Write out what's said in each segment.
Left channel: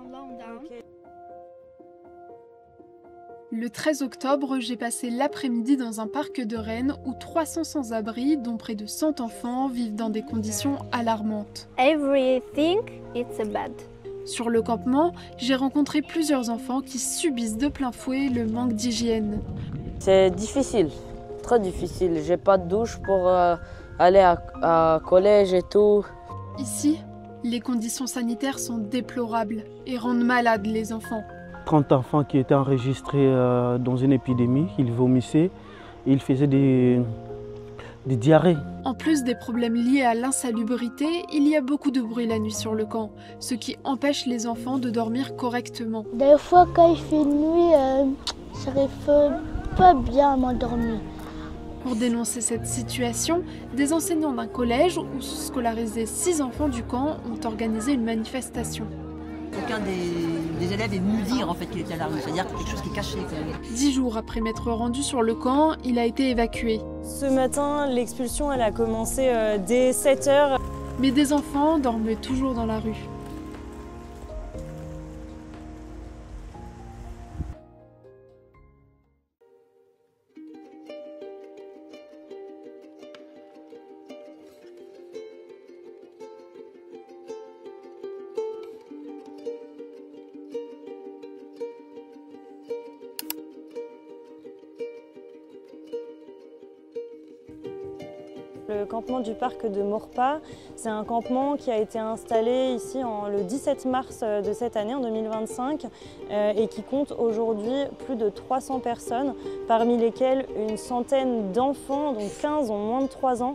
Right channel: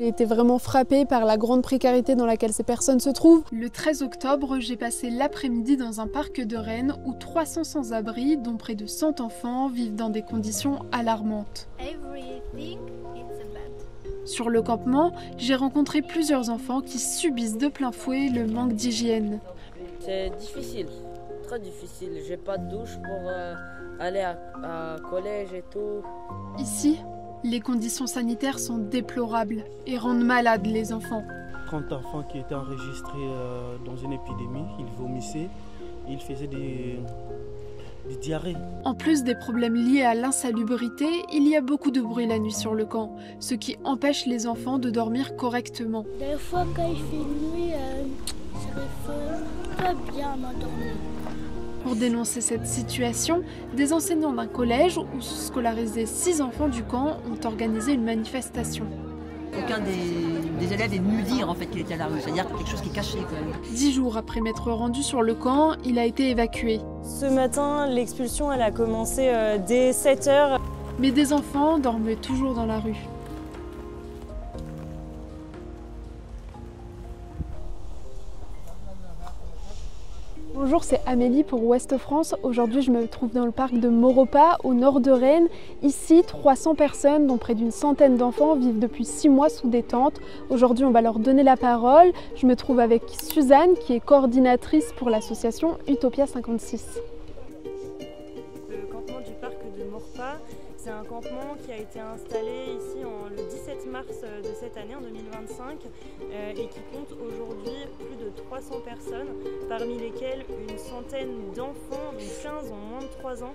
J'ai été vraiment frappée par la grande précarité dans laquelle ces personnes se trouvent. Le 13 octobre, j'ai passé l'après-midi dans un parc de Rennes où 300 sans-abri, dont près de 100 enfants, vivent dans des conditions alarmantes. Everything is bad. Sur le campement, j'ai rencontré plusieurs enfants qui subissent de plein fouet le manque d'hygiène. C'est difficile, très difficile. J'ai pas de douche pour aller à collège et tout. Ici, les conditions sanitaires sont déplorables et rendent malades les enfants. 30 enfants qui étaient enregistrés dans une épidémie, ils vomissaient, ils faisaient des diarrhées. En plus des problèmes liés à l'insalubrité, il y a beaucoup de bruit la nuit sur le camp, ce qui empêche les enfants de dormir correctement. Des fois, quand il fait nuit, j'arrive pas bien à m'endormir. Pour dénoncer cette situation, des enseignants d'un collège où sont scolarisés 6 enfants du camp ont organisé une manifestation. Aucun des élèves est venu dire en fait qu'il était à la rue, c'est-à-dire quelque chose qui est caché quand même. 10 jours après m'être rendu sur le camp, il a été évacué. Ce matin, l'expulsion elle a commencé dès 7 h. Mais des enfants dormaient toujours dans la rue. Bonjour, c'est Amélie pour Ouest France. Aujourd'hui, je me trouve dans le parc de Maurepas, au nord de Rennes. Ici, 300 personnes, dont près d'une centaine d'enfants, vivent depuis 6 mois sous des tentes. Aujourd'hui, on va leur donner la parole. Je me trouve avec Suzanne, qui est coordinatrice pour l'association Utopia 56. Le campement du parc de Maurepas, c'est un campement qui a été installé ici le 17 mars de cette année, en 2025, et qui compte aujourd'hui plus de 300 personnes, parmi lesquelles une centaine d'enfants, dont 15 ont moins de 3 ans.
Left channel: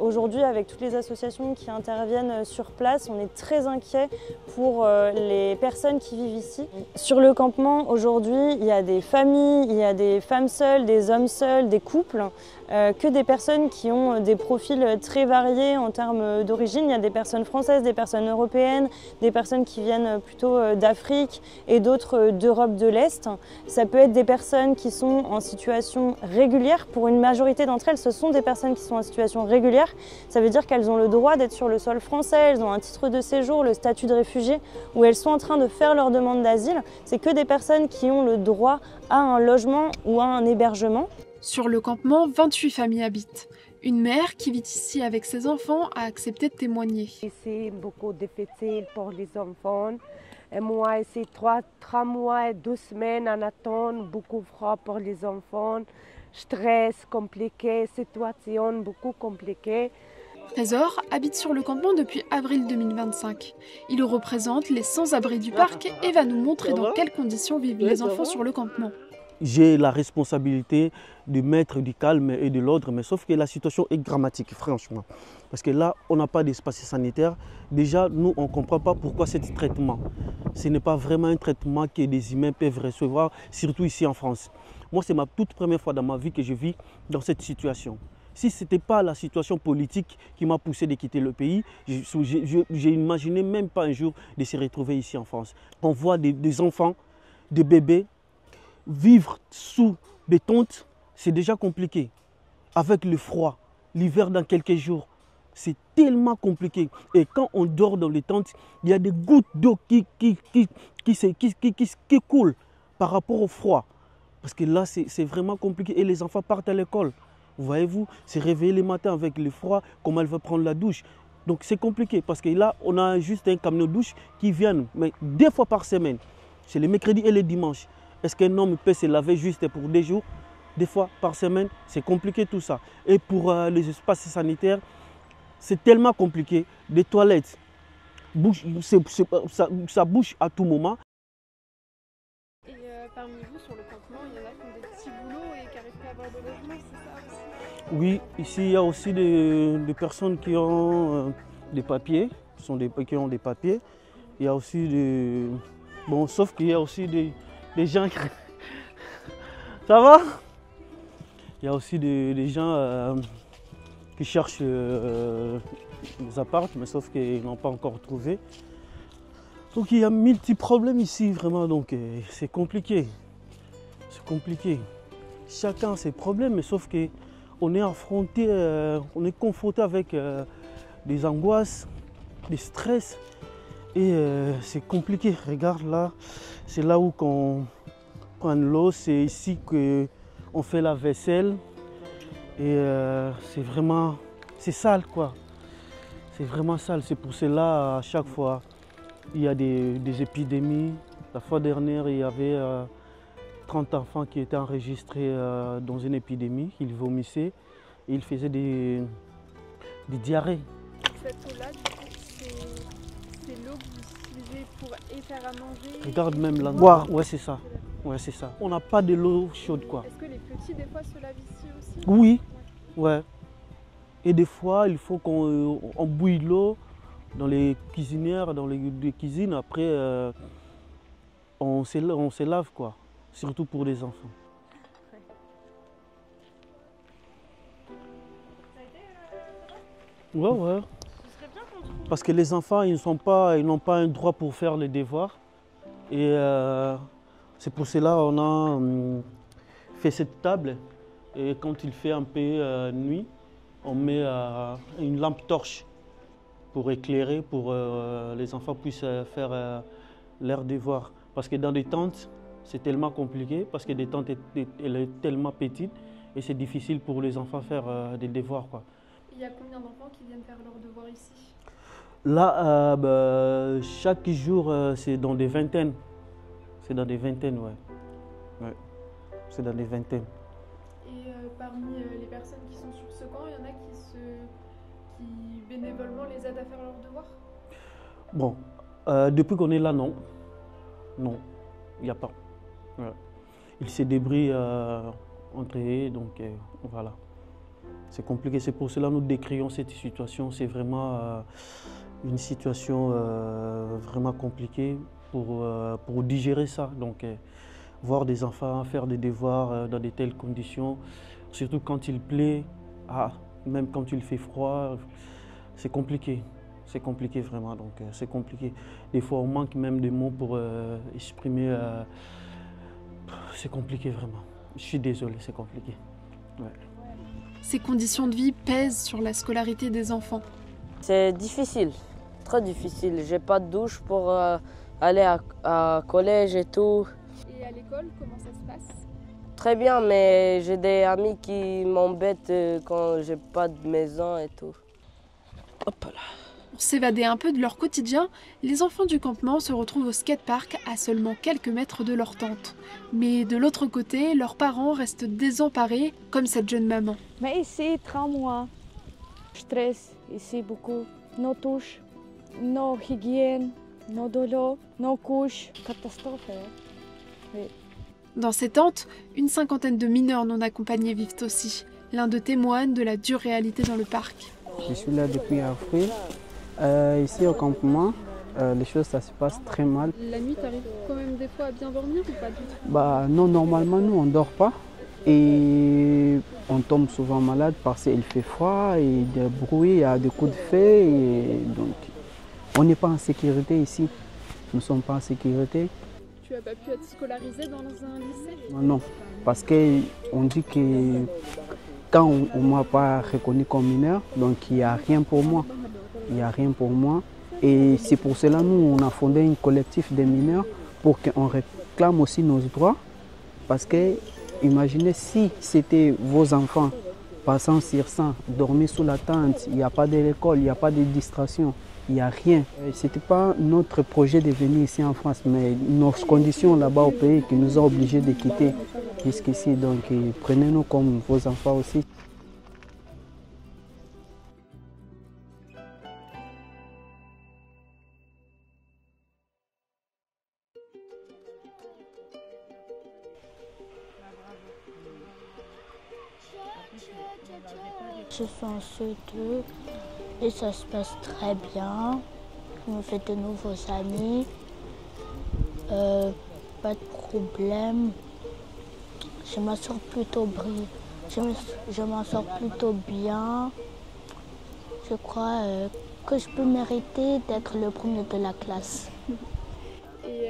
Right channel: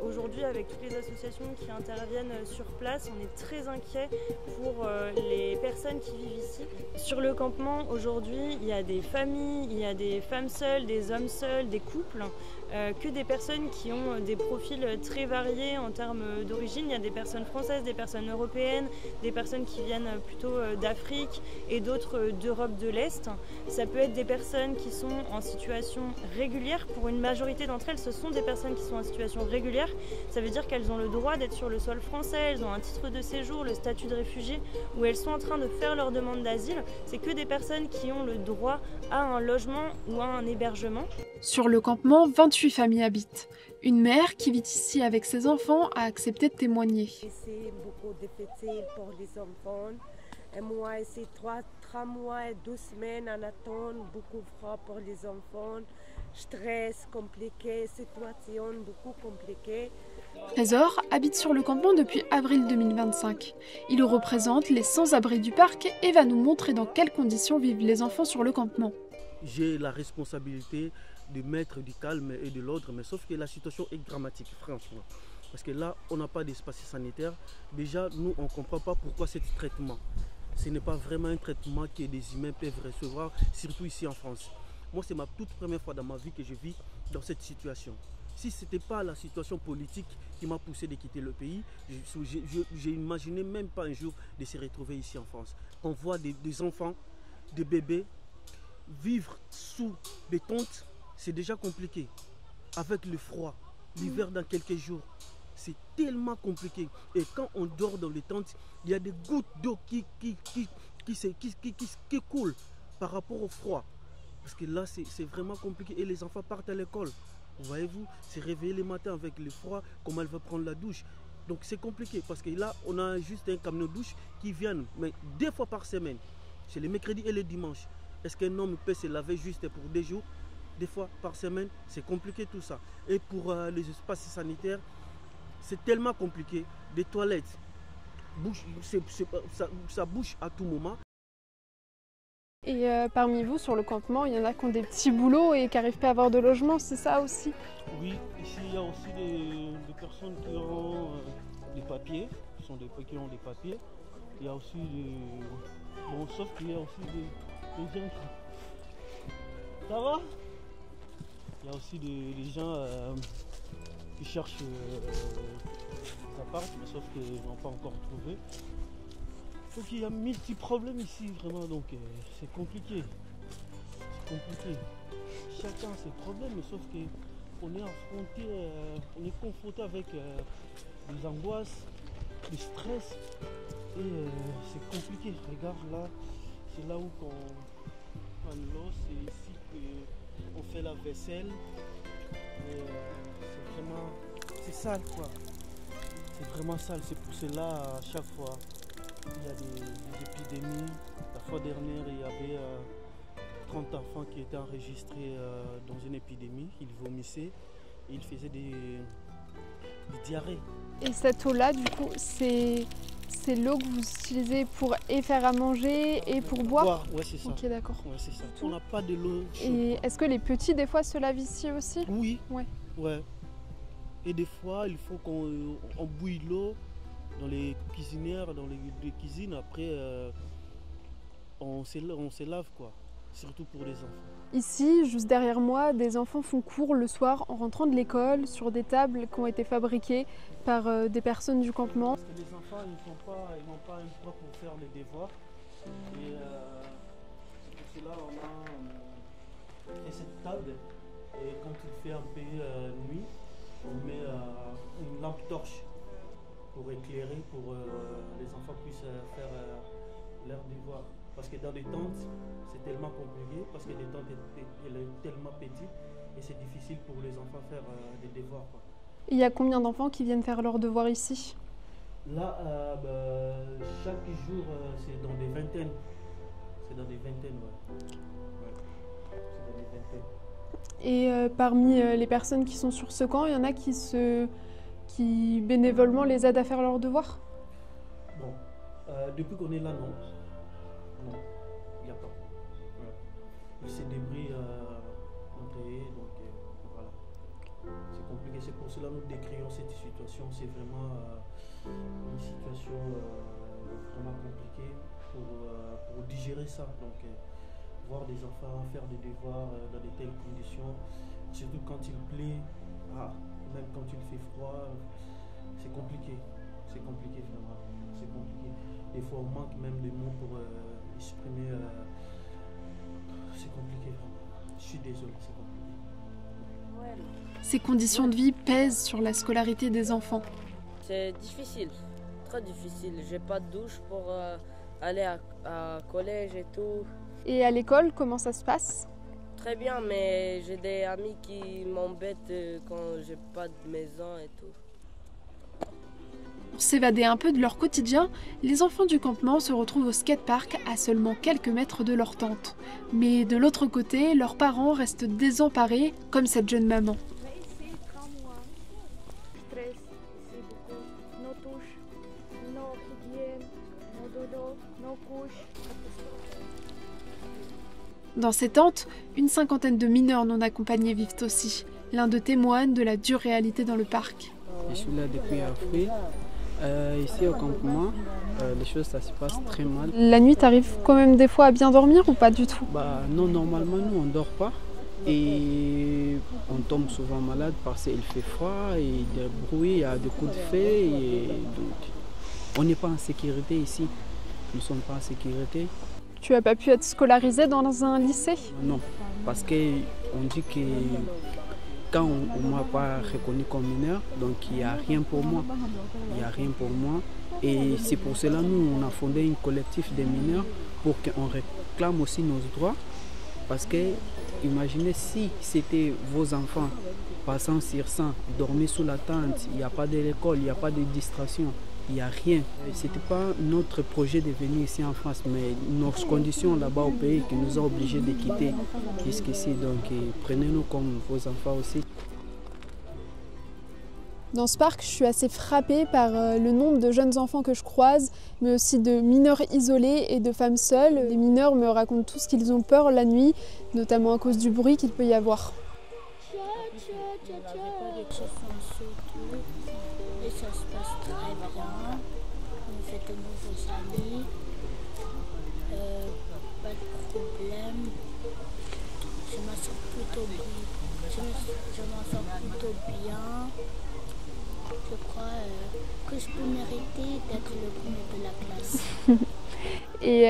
Aujourd'hui, avec toutes les associations qui interviennent sur place, on est très inquiets pour les personnes qui vivent ici. Sur le campement, aujourd'hui, il y a des familles, il y a des femmes seules, des hommes seuls, des couples, que des personnes qui ont des profils très variés en termes d'origine. Il y a des personnes françaises, des personnes européennes, des personnes qui viennent plutôt d'Afrique et d'autres d'Europe de l'Est. Ça peut être des personnes qui sont en situation régulière. Pour une majorité d'entre elles, ce sont des personnes qui sont en situation régulière. Ça veut dire qu'elles ont le droit d'être sur le sol français, elles ont un titre de séjour, le statut de réfugié, où elles sont en train de faire leur demande d'asile. C'est que des personnes qui ont le droit à un logement ou à un hébergement. Sur le campement, 28 familles habitent. Une mère qui vit ici avec ses enfants a accepté de témoigner. C'est beaucoup difficile pour les enfants. Et moi, c'est 3 mois et 2 semaines en attente, beaucoup froid pour les enfants, stress compliqué, situation beaucoup compliquée. Trésor habite sur le campement depuis avril 2025. Il représente les sans-abri du parc et va nous montrer dans quelles conditions vivent les enfants sur le campement. J'ai la responsabilité de mettre du calme et de l'ordre, mais sauf que la situation est dramatique, franchement. Parce que là, on n'a pas d'espace sanitaire. Déjà, nous, on ne comprend pas pourquoi ce traitement. Ce n'est pas vraiment un traitement que des humains peuvent recevoir, surtout ici en France. Moi, c'est ma toute première fois dans ma vie que je vis dans cette situation. Si ce n'était pas la situation politique qui m'a poussé de quitter le pays, je n'imaginais même pas un jour de se retrouver ici en France. On voit des enfants, des bébés, vivre sous des tentes, c'est déjà compliqué. Avec le froid, l'hiver dans quelques jours, c'est tellement compliqué. Et quand on dort dans les tentes, il y a des gouttes d'eau qui coulent par rapport au froid. Parce que là, c'est vraiment compliqué. Et les enfants partent à l'école. Voyez-vous, se réveiller le matin avec le froid, comment elle va prendre la douche. Donc c'est compliqué parce que là, on a juste un camion de douche qui vient, mais 2 fois par semaine. C'est le mercredi et le dimanche. Est-ce qu'un homme peut se laver juste pour 2 jours, 2 fois par semaine? C'est compliqué tout ça. Et pour les espaces sanitaires, c'est tellement compliqué. Des toilettes, ça bouge à tout moment. Et parmi vous, sur le campement, il y en a qui ont des petits boulots et qui n'arrivent pas à avoir de logement, c'est ça aussi? Oui, ici il y a aussi des personnes qui ont des papiers, qui ont des papiers. Il y a aussi des... Bon, sauf qu'il y a aussi des gens qui... Ça va? Il y a aussi des gens qui cherchent des apparts, mais sauf qu'ils n'ont pas encore trouvé. Donc il y a 1000 petits problèmes ici, vraiment, donc c'est compliqué. C'est compliqué. Chacun a ses problèmes, mais sauf qu'on est affronté, on est confronté avec des angoisses, des stress. Et c'est compliqué. Regarde là, c'est là où on prend l'eau, c'est ici qu'on fait la vaisselle. Et c'est vraiment, c'est sale quoi. C'est vraiment sale. C'est pour cela à chaque fois il y a des épidémies. La fois dernière il y avait 30 enfants qui étaient enregistrés dans une épidémie. Ils vomissaient et ils faisaient des diarrhées. Et cette eau-là, du coup, c'est l'eau que vous utilisez pour faire à manger Regarde et même pour la boire. Ouais, c'est ça. Ok, d'accord. Ouais, c'est ça. On n'a pas de l'eau chaude Et quoi. est-ce que les petits, des fois, se lavent ici aussi? Oui. Ouais. Ouais. Et des fois, il faut qu'on bouille l'eau dans les cuisinières, dans les cuisines. Après, on se lave quoi. Surtout pour les enfants. Ici, juste derrière moi, des enfants font cours le soir en rentrant de l'école sur des tables qui ont été fabriquées par des personnes du campement. Parce que les enfants, ils n'ont pas un droit pour faire les devoirs. Et c'est pour cela qu'on a fait cette table. Et quand il fait un peu nuit, on met une lampe torche pour éclairer, pour les enfants puissent faire leurs devoirs. Parce que dans des tentes, c'est tellement compliqué, parce que des tentes, elle est tellement petite et c'est difficile pour les enfants de faire des devoirs, quoi. Il y a combien d'enfants qui viennent faire leurs devoirs ici? Là, chaque jour, c'est dans des vingtaines. C'est dans des vingtaines, ouais. C'est dans des vingtaines. Et parmi les personnes qui sont sur ce camp, il y en a qui bénévolement les aident à faire leurs devoirs? Bon, depuis qu'on est là, non. Non, il n'y a pas. Ouais. Ils se débrouillent entre eux, donc voilà. C'est compliqué, c'est pour cela que nous décrions cette situation. C'est vraiment une situation vraiment compliquée pour digérer ça. Donc, voir des enfants faire des devoirs dans de telles conditions, surtout quand il pleut, même quand il fait froid, c'est compliqué. C'est compliqué vraiment, donc c'est compliqué. Des fois, on manque même de mots pour exprimer. C'est compliqué vraiment. Je suis désolé, c'est compliqué. Ouais. Ces conditions de vie pèsent sur la scolarité des enfants. C'est difficile, très difficile. J'ai pas de douche pour aller à collège et tout. Et à l'école, comment ça se passe? Très bien, mais j'ai des amis qui m'embêtent quand j'ai pas de maison et tout. Hop là. Pour s'évader un peu de leur quotidien, les enfants du campement se retrouvent au skatepark à seulement quelques mètres de leur tente. Mais de l'autre côté, leurs parents restent désemparés, comme cette jeune maman. Mais ici, 3 mois, stress, ici beaucoup. Nos douches, nos hygiènes, nos dodos, nos couches, catastrophe. Dans ces tentes, une cinquantaine de mineurs non accompagnés vivent aussi. L'un d'eux témoigne de la dure réalité dans le parc. Je suis là depuis avril. Ici au campement, les choses ça se passe très mal. La nuit, t'arrives quand même des fois à bien dormir ou pas du tout? Non, normalement nous on dort pas et on tombe souvent malade parce qu'il fait froid et des bruits, il y a des coups de feu et donc on n'est pas en sécurité ici. Nous ne sommes pas en sécurité. Tu n'as pas pu être scolarisé dans un lycée? Non, parce qu'on dit que quand on ne m'a pas reconnu comme mineur, donc il n'y a rien pour moi. Il n'y a rien pour moi. Et c'est pour cela que nous, on a fondé un collectif de mineurs pour qu'on réclame aussi nos droits. Parce que, imaginez si c'était vos enfants passant sur ça, dormir sous la tente, il n'y a pas de l'école, il n'y a pas de distraction, il n'y a rien. Ce n'était pas notre projet de venir ici en France, mais nos conditions là-bas au pays qui nous ont obligés de quitter jusqu'ici. Donc prenez-nous comme vos enfants aussi. Dans ce parc, je suis assez frappée par le nombre de jeunes enfants que je croise, mais aussi de mineurs isolés et de femmes seules. Les mineurs me racontent tous qu'ils ont peur la nuit, notamment à cause du bruit qu'il peut y avoir. J'ai fait un saut et ça se passe très bien. On fait de nouveaux amis. Pas de problème. Je m'en sors plutôt bien. Je crois que je peux mériter d'être le premier de la classe. Et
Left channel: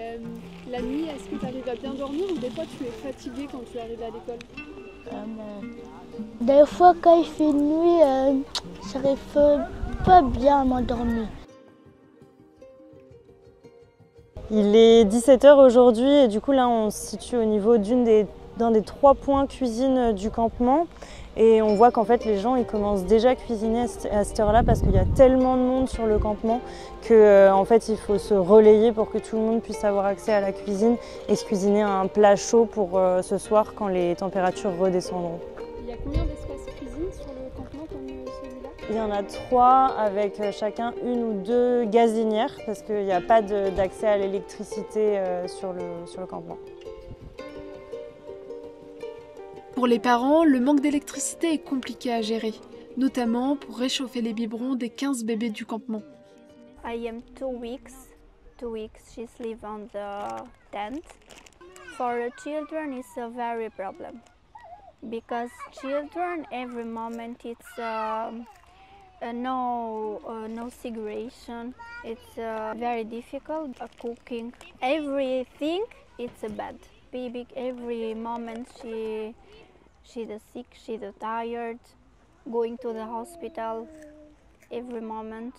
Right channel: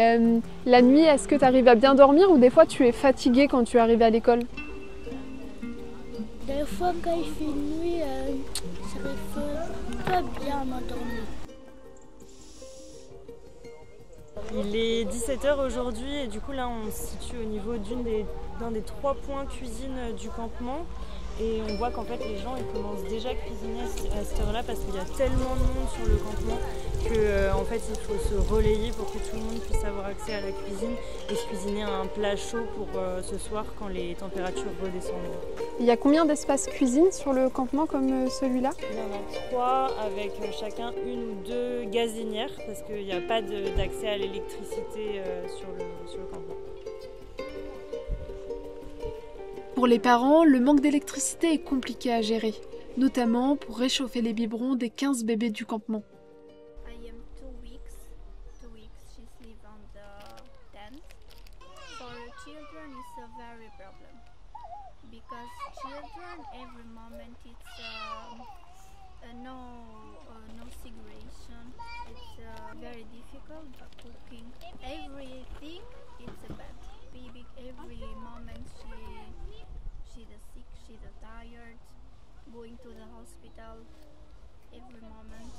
la nuit, est-ce que tu arrives à bien dormir ou des fois tu es fatiguée quand tu arrives à l'école? Des fois, quand il fait nuit, j'arrive pas bien à m'endormir. Il est 17 h aujourd'hui et du coup là on se situe au niveau d'un des 3 points cuisine du campement. Et on voit qu'en fait les gens ils commencent déjà à cuisiner à cette heure-là parce qu'il y a tellement de monde sur le campement que en fait il faut se relayer pour que tout le monde puisse avoir accès à la cuisine et se cuisiner un plat chaud pour ce soir quand les températures redescendront. Il y a combien d'espaces cuisine sur le campement comme celui-là? Il y en a 3 avec chacun 1 ou 2 gazinières parce qu'il n'y a pas d'accès à l'électricité sur le campement. Pour les parents, le manque d'électricité est compliqué à gérer, notamment pour réchauffer les biberons des 15 bébés du campement. I am 2 weeks. 2 weeks she's live on the tent. For the children it's a very problem because children every moment it's no segregation. It's very difficult cooking. Everything it's bad. Baby every moment she's sick, she's tired, going to the hospital every moment.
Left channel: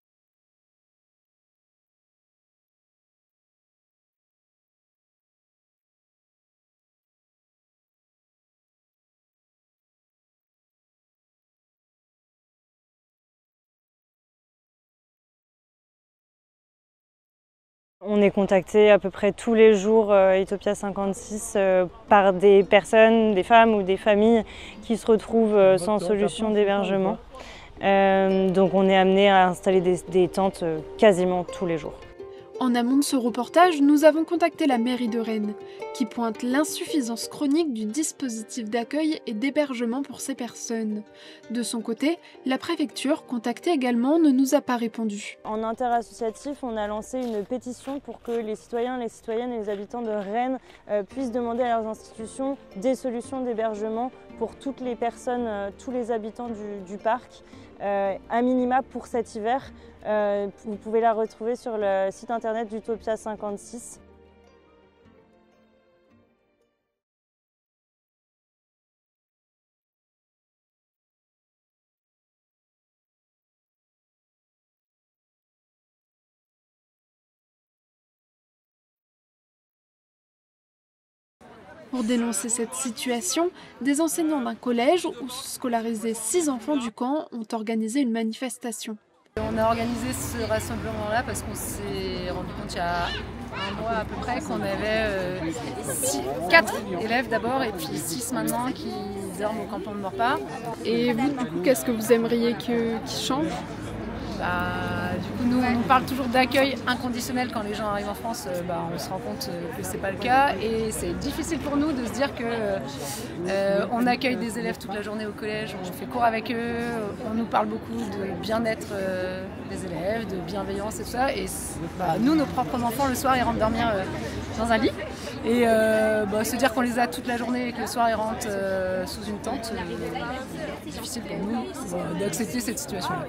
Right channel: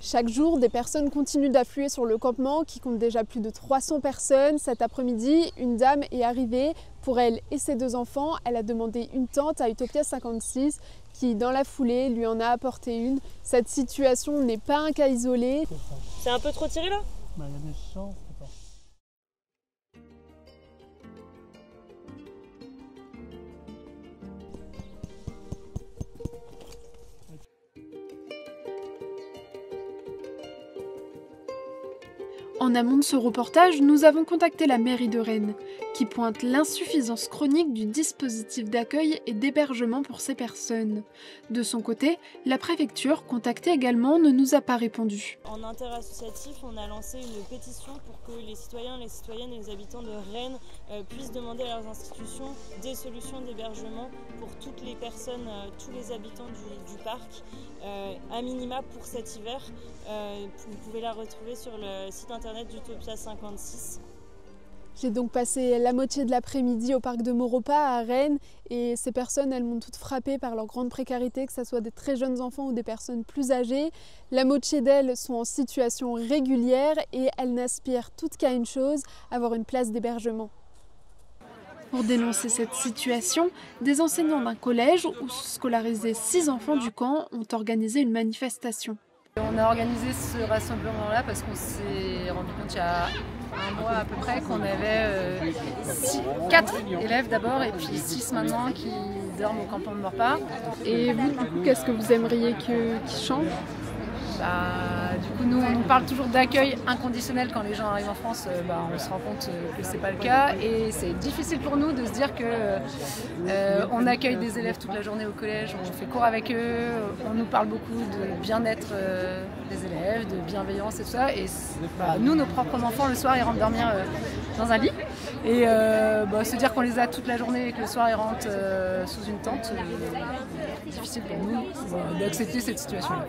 Chaque jour, des personnes continuent d'affluer sur le campement qui compte déjà plus de 300 personnes. Cet après-midi, une dame est arrivée. Pour elle et ses 2 enfants, elle a demandé une tente à Utopia 56 qui, dans la foulée, lui en a apporté une. Cette situation n'est pas un cas isolé. C'est un peu trop tiré là ? On est contacté à peu près tous les jours Utopia 56 par des personnes, des femmes ou des familles qui se retrouvent sans solution d'hébergement. Donc on est amené à installer des tentes quasiment tous les jours. En amont de ce reportage, nous avons contacté la mairie de Rennes, qui pointe l'insuffisance chronique du dispositif d'accueil et d'hébergement pour ces personnes. De son côté, la préfecture, contactée également, ne nous a pas répondu. En interassociatif, on a lancé une pétition pour que les citoyens, les citoyennes et les habitants de Rennes puissent demander à leurs institutions des solutions d'hébergement pour toutes les personnes, tous les habitants du parc, à minima pour cet hiver. Vous pouvez la retrouver sur le site internet d'Utopia 56. J'ai donc passé la moitié de l'après-midi au parc de Maurepas à Rennes et ces personnes, elles m'ont toutes frappée par leur grande précarité, que ce soit des très jeunes enfants ou des personnes plus âgées. La moitié d'elles sont en situation régulière et elles n'aspirent toutes qu'à une chose, avoir une place d'hébergement. Pour dénoncer cette situation, des enseignants d'un collège où se scolarisaient 6 enfants du camp ont organisé une manifestation. On a organisé ce rassemblement-là parce qu'on s'est rendu compte il y a un mois à peu près qu'on avait 4 élèves d'abord et puis 6 maintenant qui dorment au campement de Maurepas. Et vous, du coup, qu'est-ce que vous aimeriez qu'il change ? Du coup, nous, on nous parle toujours d'accueil inconditionnel quand les gens arrivent en France. On se rend compte que c'est pas le cas et c'est difficile pour nous de se dire que on accueille des élèves toute la journée au collège, on fait cours avec eux, on nous parle beaucoup de bien-être des élèves, de bienveillance et tout ça. Et nous, nos propres enfants, le soir, ils rentrent dormir dans un lit et se dire qu'on les a toute la journée et que le soir, ils rentrent sous une tente, difficile pour nous d'accepter cette situation-là.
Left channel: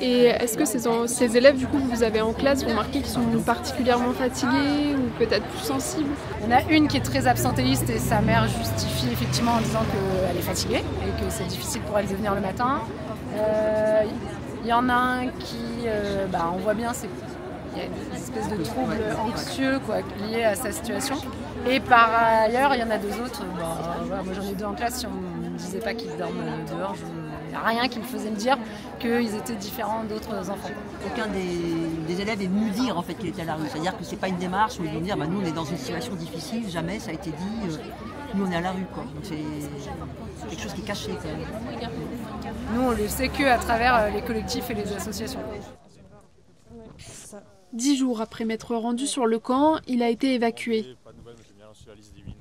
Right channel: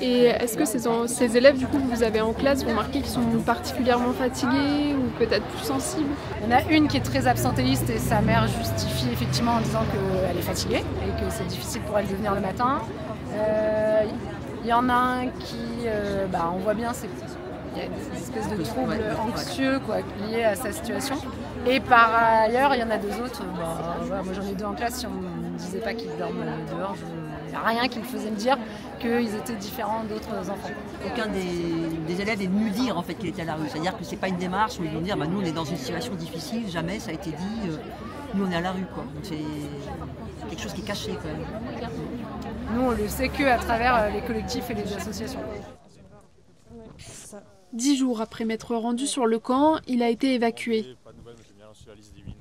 Et est-ce que ces élèves, du coup, que vous avez en classe, vous remarquez qu'ils sont particulièrement fatigués ou peut-être plus sensibles ? Il y en a une qui est très absentéiste et sa mère justifie effectivement en disant qu'elle est fatiguée et que c'est difficile pour elle de venir le matin. Il y en a un qui, on voit bien, il y a une espèce de trouble anxieux lié à sa situation. Et par ailleurs, il y en a 2 autres. Moi j'en ai 2 en classe, si on ne me disait pas qu'ils dorment dehors, il n'y a rien qui me faisait me dire qu'ils étaient différents d'autres enfants. Aucun des élèves est venu dire en fait qu'il était à la rue. C'est-à-dire que c'est pas une démarche où ils vont dire nous on est dans une situation difficile, jamais ça a été dit, nous on est à la rue quoi. Donc c'est quelque chose qui est caché quand même. Nous on le sait qu'à travers les collectifs et les associations. 10 jours après m'être rendu sur le camp, il a été évacué.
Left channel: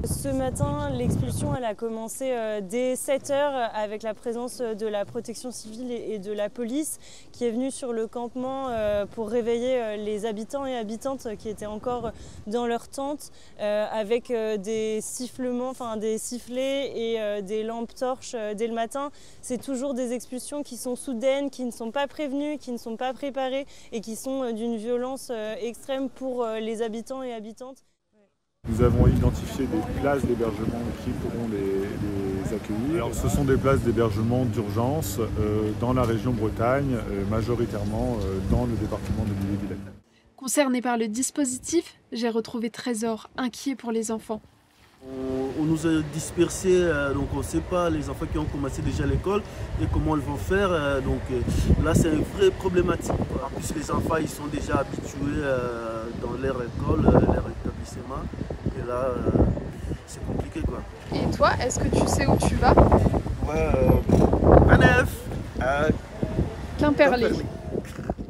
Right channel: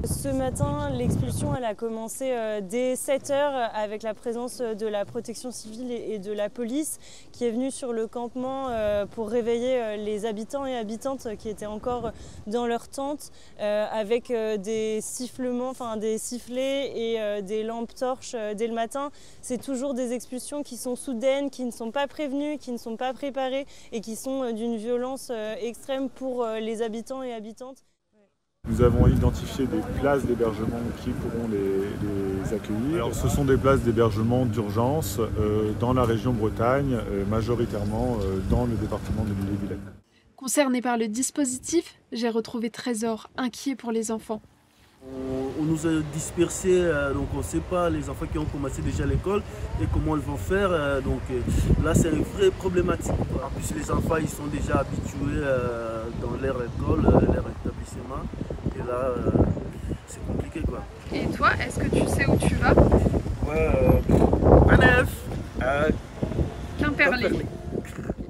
Ce matin, l'expulsion elle a commencé dès 7 h avec la présence de la protection civile et de la police qui est venue sur le campement pour réveiller les habitants et habitantes qui étaient encore dans leur tente avec des sifflements, des sifflets et des lampes torches dès le matin. C'est toujours des expulsions qui sont soudaines, qui ne sont pas prévenues, qui ne sont pas préparées et qui sont d'une violence extrême pour les habitants et habitantes. Nous avons identifié des places d'hébergement qui pourront les accueillir. Alors, ce sont des places d'hébergement d'urgence dans la région Bretagne, majoritairement dans le département de l'Ille-et-Vilaine. Concernée par le dispositif, j'ai retrouvé Trésor, inquiet pour les enfants. On nous a dispersés, donc on ne sait pas les enfants qui ont commencé déjà l'école et comment ils vont faire. Donc là, c'est une vraie problématique. En plus, les enfants, ils sont déjà habitués dans leur école, leur établissement. Et là, c'est compliqué, quoi. Et toi, est-ce que tu sais où tu vas? Ouais, Quimperlé.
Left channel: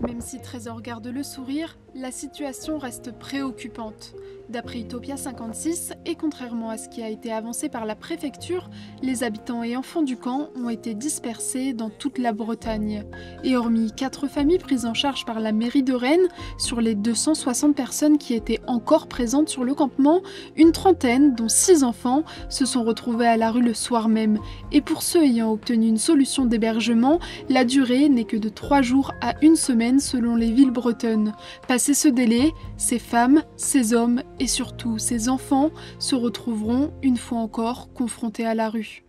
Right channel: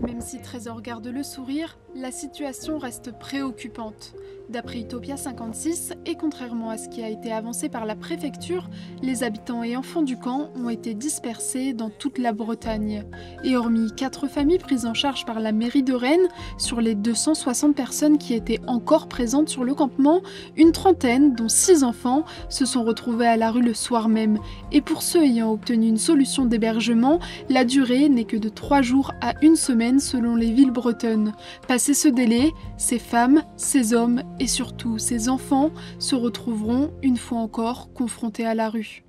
Même si Trésor garde le sourire, la situation reste préoccupante. D'après Utopia 56, et contrairement à ce qui a été avancé par la préfecture, les habitants et enfants du camp ont été dispersés dans toute la Bretagne. Et hormis 4 familles prises en charge par la mairie de Rennes, sur les 260 personnes qui étaient encore présentes sur le campement, une trentaine, dont 6 enfants, se sont retrouvés à la rue le soir même. Et pour ceux ayant obtenu une solution d'hébergement, la durée n'est que de 3 jours à 1 semaine selon les villes bretonnes. Passé ce délai, ces femmes, ces hommes et surtout ces enfants se retrouveront une fois encore confrontés à la rue.